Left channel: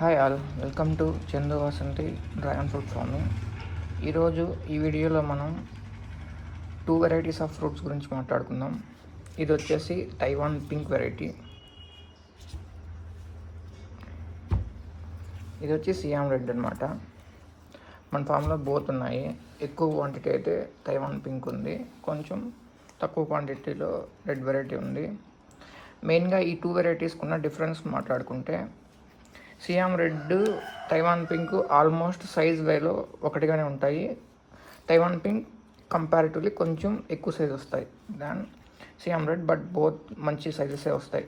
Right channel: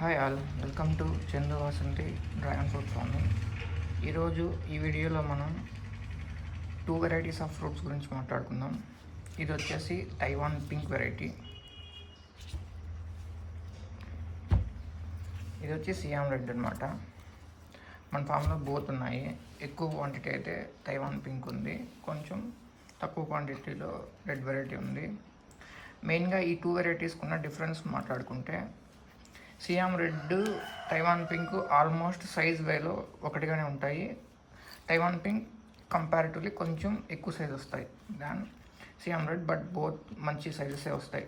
Hi all, welcome to Chandu Vasanthi dragon fruit farming. ఈరోజు ఈ వీడియోలో మనం 2 వెరైటీస్ ఆఫ్ ఫ్రూట్స్ గురించి మాట్లాడుకుందాం. ఇది వచ్చేసి తైవాన్ పింక్ వెరైటీ, ఇది వచ్చి సియామ్ రెడ్ అనమాట. మన ఫామ్లో బోత్ ఉన్నాయి. ఎక్కువ క్వాంటిటీ అయితే తైవాన్ పింక్ ఉంది, కొంచెం తక్కువ క్వాంటిటీలో రెడ్ వెరైటీ ఉంది. మెయిన్గా ఈ 2 వెరైటీస్కి ఉన్న డిఫరెన్స్ మాట్లాడుకుంటే, SIAM red, Taiwan pink almost size వేలో ఒకటిగానే ఉంటాయి. తైవాన్ పింక్ కంపారిటివ్లీ కొంచెం ఎక్కువ సైజ్ వస్తాయి దాన్ సియామ్ రెడ్, బట్ బోత్ మంచి సైజెసే వస్తాయి.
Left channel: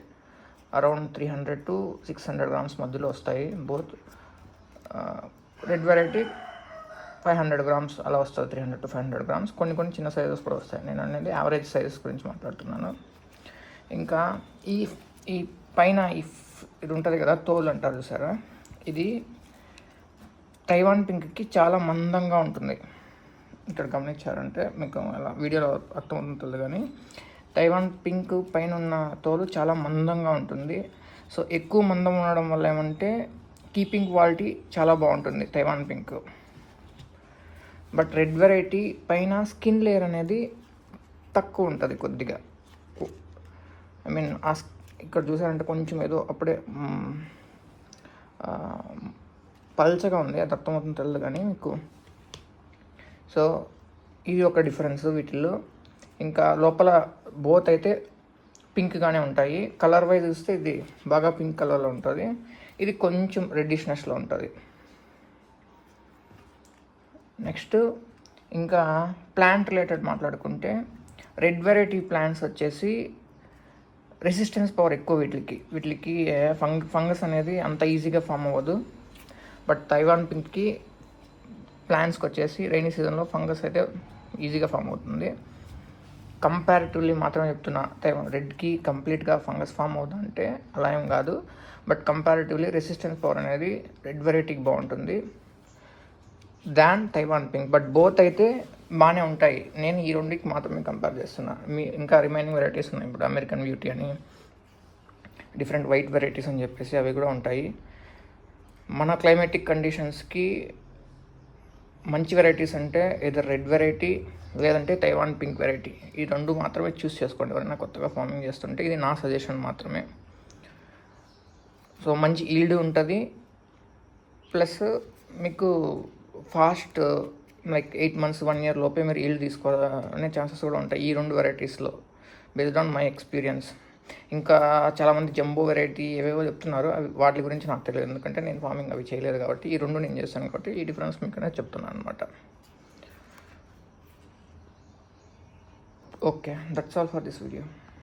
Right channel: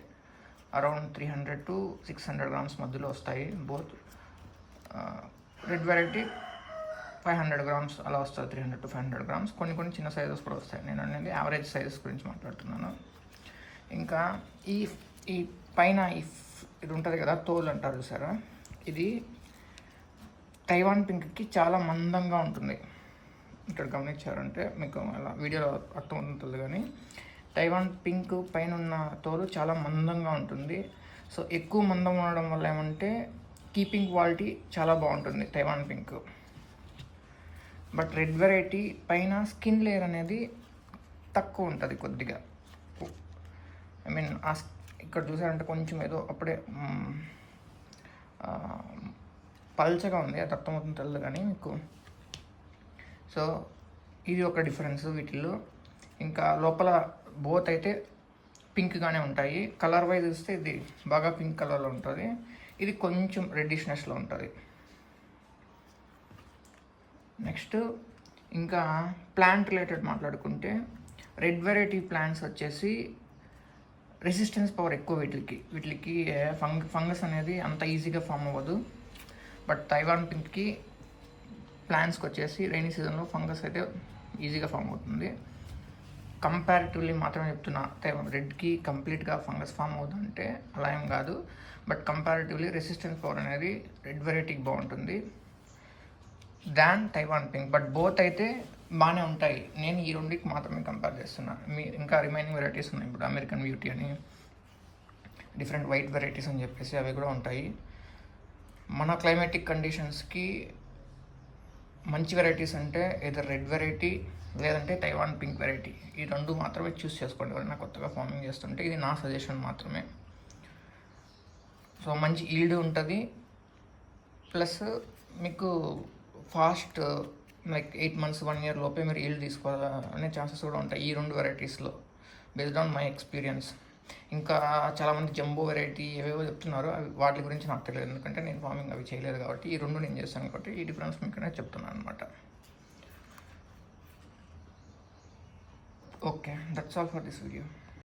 అరౌండ్ 300 to 600 grams మధ్యలో వస్తాయి బోత్. రెడ్ వెరైటీ 500 grams అలా వస్తుంది, 300 to 500 grams. కొన్ని చిన్న సైజెస్ కూడా వస్తాయి. నేను అనేది యావరేజ్ సైజెస్ గురించి మాట్లాడుతున్నాను. ఇంకా ఈ పైన ఇది ఉంటుంది కదా, తోలు అంటారు చూసారా, ఇది తైవాన్ పింక్కి చాలా మందంగా ఉంటుంది. ఇక్కడ గమనించారంటే మీకు అలా వీడియోలో అర్థమవుతుంది. కానీ తైవాన్ పింక్ పైన ఉన్న తోలు చాలా మందంగా ఉంటుంది. సో ఎక్కువ మందం ఉండడం వల్ల ఏమంటే కీపింగ్ క్వాలిటీ చాలా బాగుంటుంది Taiwan pink. But red variety పైన స్కిన్ లేయర్ అనేది తక్కువ ఉంటుంది కొద్దిగా. ఐ మీన్ ఇక్కడ చూసారంటే కొంచెం ఏదో అప్పుడే పల్చగా ఉంది, అది అర్థమవుతుంది తెలియదు కానీ మీకు. సో ఇది ఒక డిఫరెన్స్ వీటిల్లో. ఇంకా లోపల బోత్ అయితే పింక్గానే ఉంటాయి. కలర్ వైజ్ చూస్తే ఇది బాగా పింక్ కలర్లో ఉంటుంది, ఇది కొంచెం రెడ్డిష్నెస్లో ఉంటుంది. నెక్స్ట్ ఇంకా ప్లాంట్ రిలేటెడ్ మాట్లాడుకుంటే, రెడ్ వెరైటీ ప్లాంట్స్ వచ్చేసి రెసిస్టెన్స్ పవర్ ఎక్కువ. వీటికి ఫంగస్ అనేది అంత ఈజీగా ఫామ్ అవ్వదు. బట్ తైవాన్ పింక్కి ప్లాంట్స్కి వచ్చేసి రైనీ సీజన్లో ఫంగస్ అయితే ఈజీగా ఫామ్ అవుతుంది. కంపారిటివ్లీ మాత్రమే చెప్తున్నా, తైవాన్ రెడ్కి కంప్లీట్గా ఫంగస్ ఫామ్ అవుతుందంటే అలా ఏం కాదు. బట్ కంపారిటివ్లీ రెసిస్టెన్స్ పవర్ అనేది రెడ్ వెరైటీకి బాగుంటుంది దాన్ తైవాన్ పింక్. బట్ బోత్ అయితే బాగానే ఉంటాయి. నేను ఈ రెండుకి మాత్రమే కంపేర్ చేస్తున్నాను. ఇంకా రిమైనింగ్ వెరైటీస్ ఉన్నాయి. ఇప్పుడు అమెరికన్ బ్యూటీ అని, డిఫరెంట్ వైట్ వెరైటీస్ అని చెప్పేసి అవి కూడా ఉంటాయి. మన క్లైమేటిక్ కండిషన్స్కి మంచి వెరైటీస్ అంటే ఇదర్ రెడ్ వెరైటీ లేదంటే తైవాన్ పింక్ వెరైటీ. ఈ రెండు మాత్రమే చూస్ చేసుకోండి ఎవరైనా కొత్తగా ఫార్మింగ్ చేస్తుంటే. ఇది నా సజెషన్ మాత్రమే. సో మంచి ఈల్డ్ ఉంటుంది, ప్లస్ మీకు ఫాస్ట్ లైక్ 8 months 1 year లోపే మీరు ఈల్డ్ తీసుకోవాలనే ఛాన్సెస్ కూడా ఉంటాయి ఈ రెండు వెరైటీస్లో, బేస్డ్ ఆన్ మై ఎక్స్పీరియన్స్. ఇంకా చాలామంది జంబో వెరైటీ ఏవేవో చెప్తున్నారు, అవి వాటి గురించి నాకు తెలియదు, ఎందుకంటే నేను ఫార్మింగ్ అవి చేయలేదు కాబట్టి. ఈ రెండు నేను చేస్తాను కాబట్టి ఈ డిఫరెన్స్ మీకు అనేది చెప్తున్నాను అనమాట. Okay, that's all for this video.